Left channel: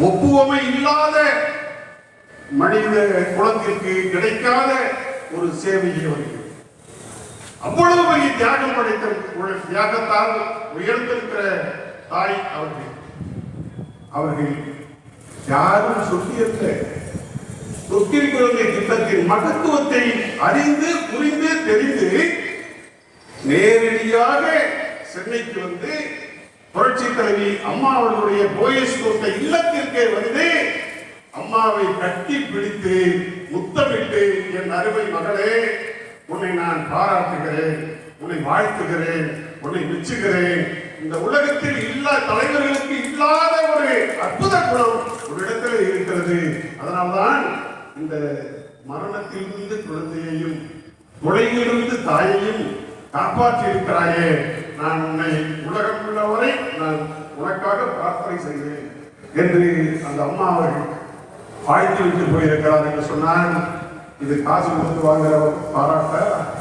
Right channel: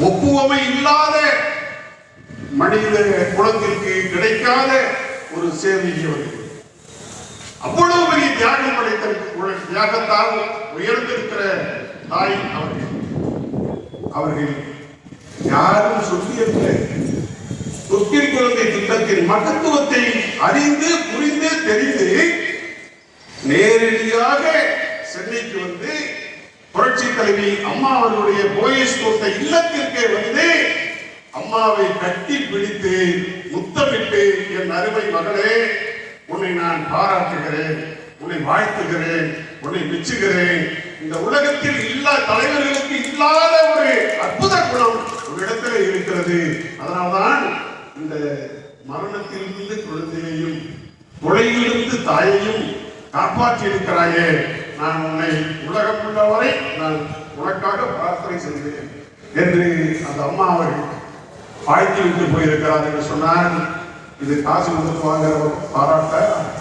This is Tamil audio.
ஒப்புவமை இல்லாத மனித குலத்திற்கு கிடைக்காத ஒரு சேவையை வருகிறது அவ்வளவு பெரிய தியாகம் படைத்த தியாகத்தால் உயர்ந்திருக்கிற தாய் அவர்கள். அவர்கள் யாரும் சொல்லியல்ல தொட்டில் குழந்தை திட்டத்தின் மகத்துவத்தை அறிந்து புரிந்து தெரிந்து நேரடியாக சென்னைக்கு வந்து புரட்சி அம்மா அவர்களுடைய போயஸ் இல்லத்திற்கே வந்து அம்மாவை கட்டி பிடித்து முத்தமிட்டு என் அருமை மகளே உன்னை நான் பாராட்டுகிறேன் உன்னை வாழ்த்துகிறேன் உன்னை மெச்சுகிறேன். இந்த உலகத்தில் இல்லா தலைவர்களுக்கு இல்லாத ஒரு அற்புத குணம் உன்னிடத்தில் இடத்துல இருக்கிறது. அதனால்தான் இந்த மரணத்திலிருந்து குழந்தையையும் தொலையிலிருந்து தாயையும் காப்பாற்றி இருக்கிறாயே நான் உன்னை உலக உள்ளவரை நான் உனக்காக பிரார்த்தனை செய்கிறேன் என்று அந்த அம்மா அவர்கள் வாழ்த்தி விட்டு போயிருக்கிறார் என்று சொன்னால் இது காசு கொடுத்து வாங்குற பாராட்ட?